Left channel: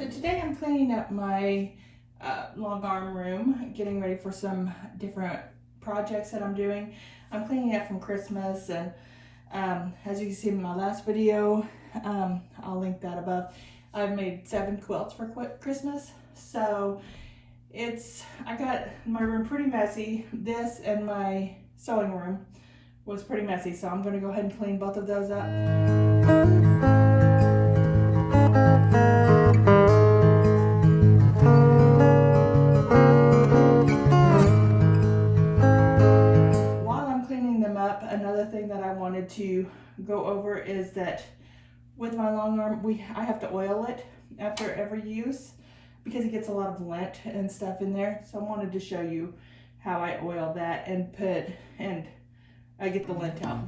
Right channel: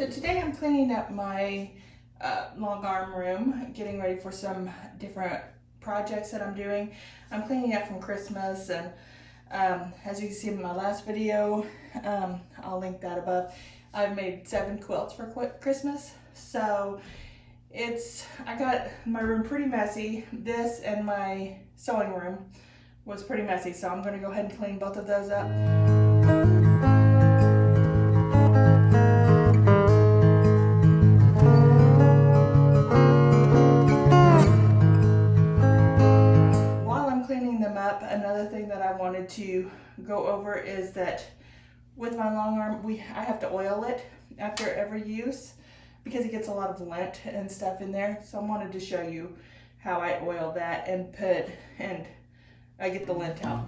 So today I'm cleaning up my longarm room, getting ready for some different projects that I'm doing. I'm cleaning up from Christmas, and as you can see in my last video, I'll link that above. I've made 7 quilts for Christmas, so I got my room pretty messy. This and my sewing room was pretty messy, so I'm going to go ahead and clean both of those up. Another thing that I wanted to go over is that with my longarm, I have to oil it after every use because it gets a lot of lint and stuff in there. So I wanted to show you how I oil that and I get the lint out.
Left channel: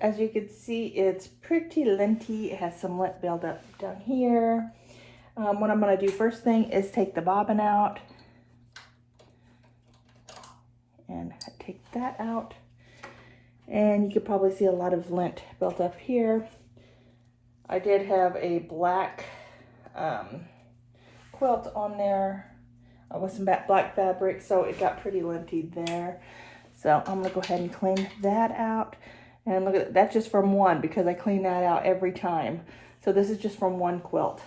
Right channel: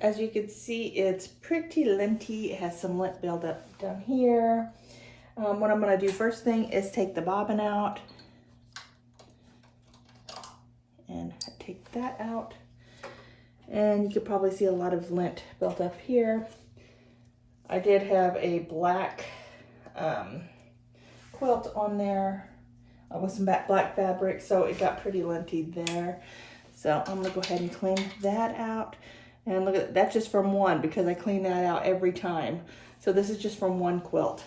As you can see, it's pretty linty. It has some lint buildup down here. What I'm going to do first thing is take the bobbin out and take that out. And you could probably see a lot of lint built up here. I did have a black quilt on there with some black fabric, so it got pretty linty there. So I'm going to go ahead and clean that out. And look at that's just from one because I clean that out every time. So this is just from one quilt.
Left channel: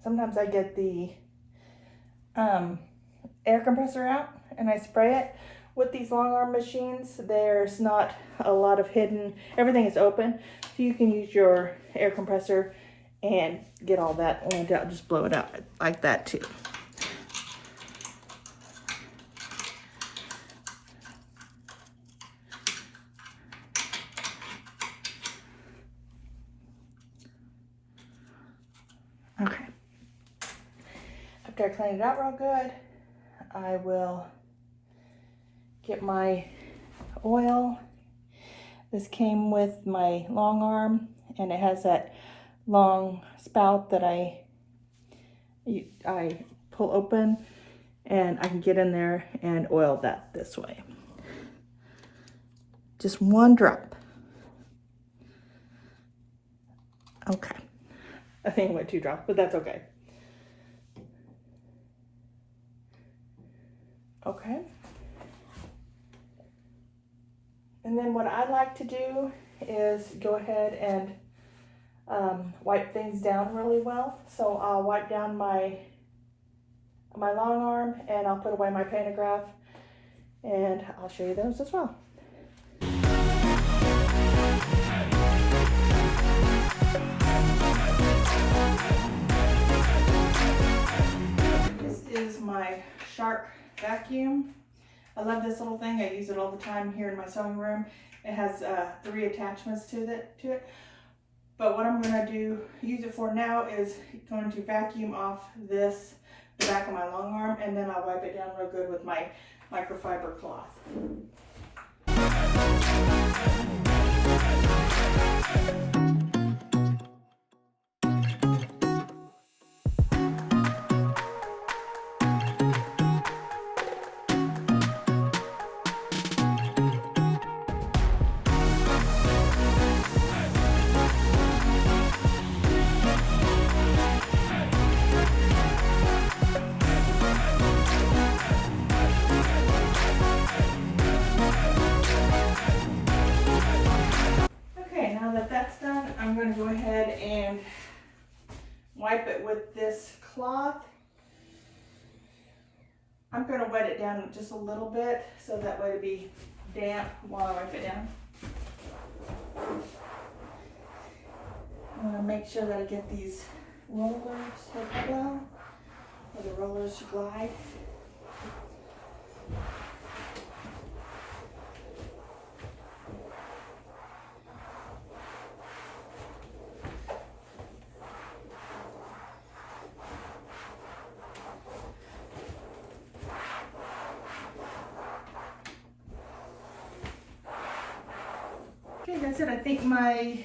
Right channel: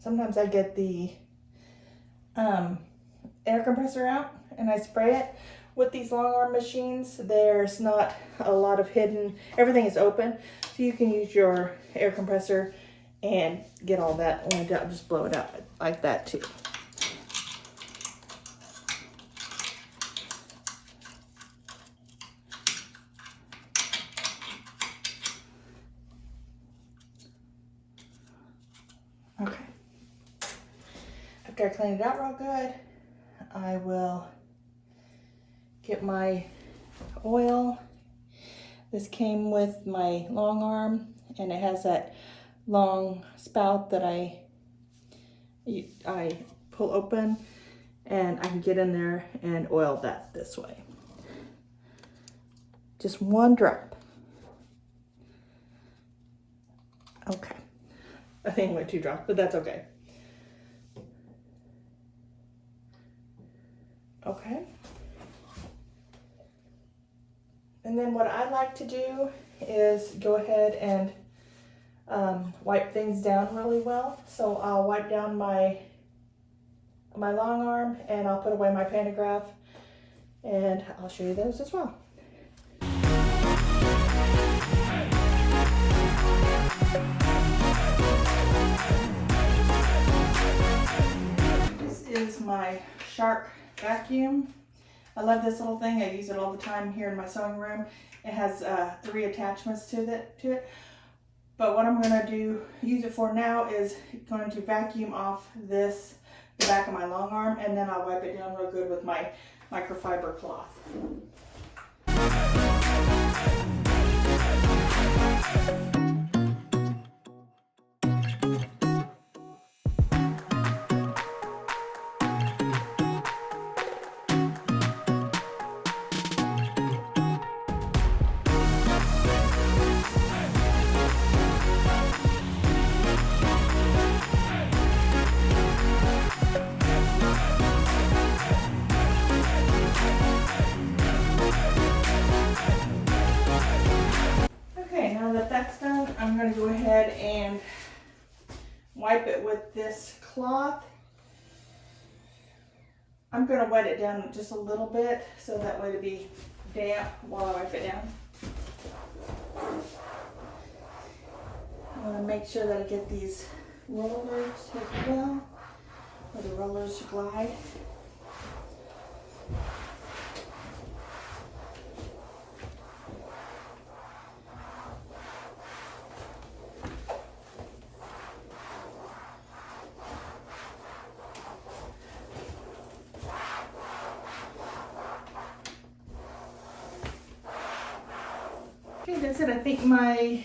Sometimes I get the air compressor out and I spray it. With these long arm machines, there's not a lot of hidden, everything is open, so you can use your air compressor and get all that oiled out, just blow it up like that too. Okay. After I clean it out real good, I will get my oil. This came with my long arm, and it has that long spout that I pull open, and I can get in there and oil that this way. Just one drop. Okay. I think I went 2 drops, but that's okay. Okay. And then what I like to do is go ahead and wipe things down really well. So I'll wipe down my long arm, and I'll put away my pantograph, and I'll show you those as well. This is my Shark vacuum. I love this little thing. I use it all the time here in my sewing room. It has 3 attachments to it. But what I'm going to use it for now is going to vacuum off the back of my long arm, and then I'll wipe it down real good with my microfiber cloth. wipe it with this cloth. I'm going to wet it down just a little bit so that way it'll be damp while I wipe it down. I want to make sure that I get these rollers as well, or the rollers glide. Okay, that's it. I think my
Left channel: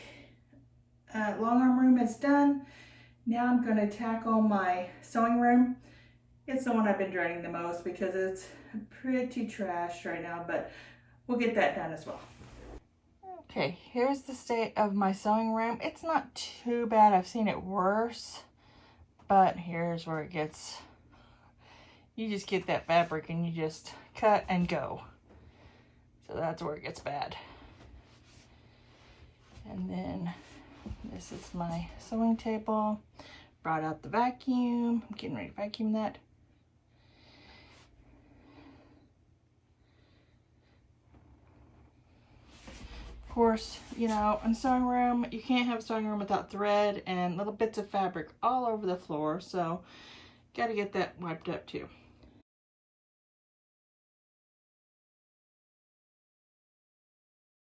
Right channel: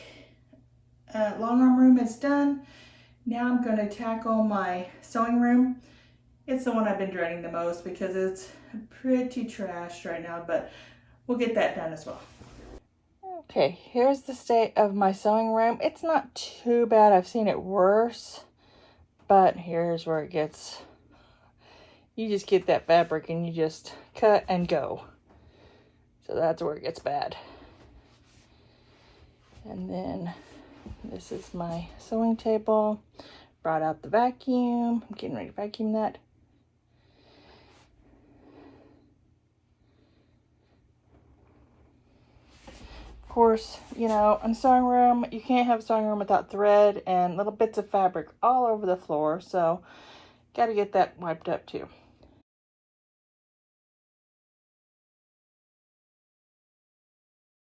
long arm room is done. Now I'm going to tackle my sewing room. It's the one I've been dreading the most because it's pretty trashed right now, but we'll get that done as well. Okay, here's the state of my sewing room. It's not too bad. I've seen it worse, but here's where it gets, you just get that fabric and you just cut and go. So that's where it gets bad. And then this is my sewing table. Brought out the vacuum. I'm getting ready to vacuum that. Of course, you know, in sewing room, you can't have a sewing room without thread and little bits of fabric all over the floor. So, got to get that wiped up too.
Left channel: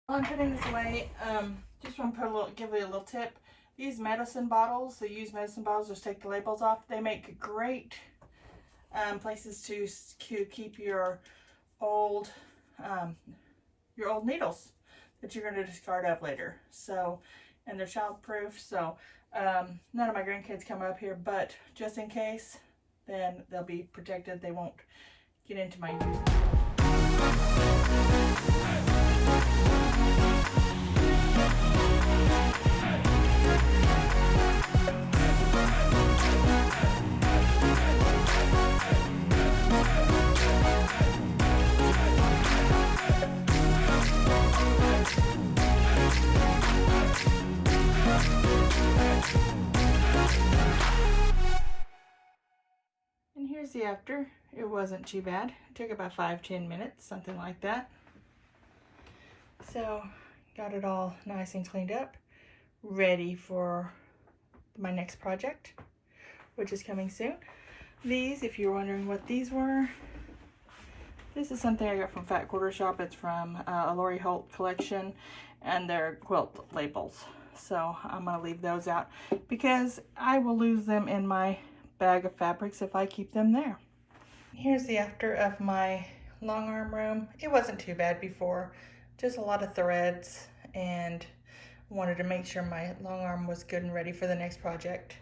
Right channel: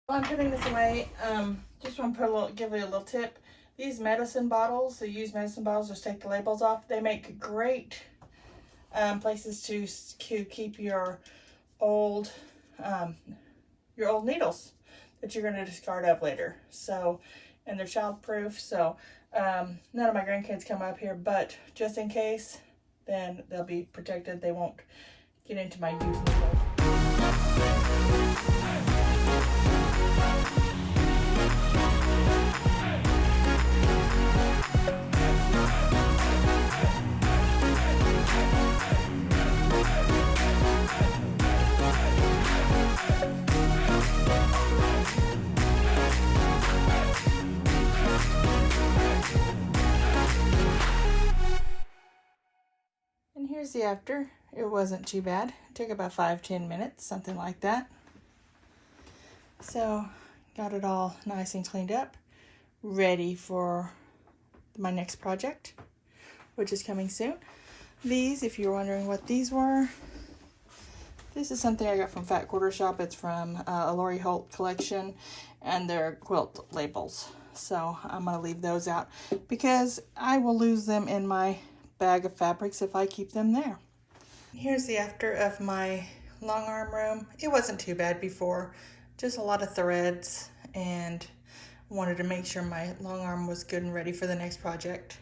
While I'm putting this away, just want to give it a little tip. These medicine bottles, the used medicine bottles, just take the labels off. They make great places to keep your old needles that you're going to discard of later. So, and they're childproof. So, none of my grandkids come up here, but just in case, then they'll be protected. They won't get into my used needles. And here's the after. It wasn't too bad. It took about 5-10 minutes, something like that. So, got it all nice and cleaned up, ready for my next project, which is coming soon. These, if you're wondering what these were, this is something I got from Fat Quarter Shop. It's from a Lori Holt collection, and they're quilt labels. So I'm going to leave those out because I will lose them in my bag of fabrics if I keep them there. Here's the after of my long arm room. It wasn't too bad before, just a lot of threads, and wanted to make sure my long arm was good and ready for the next project.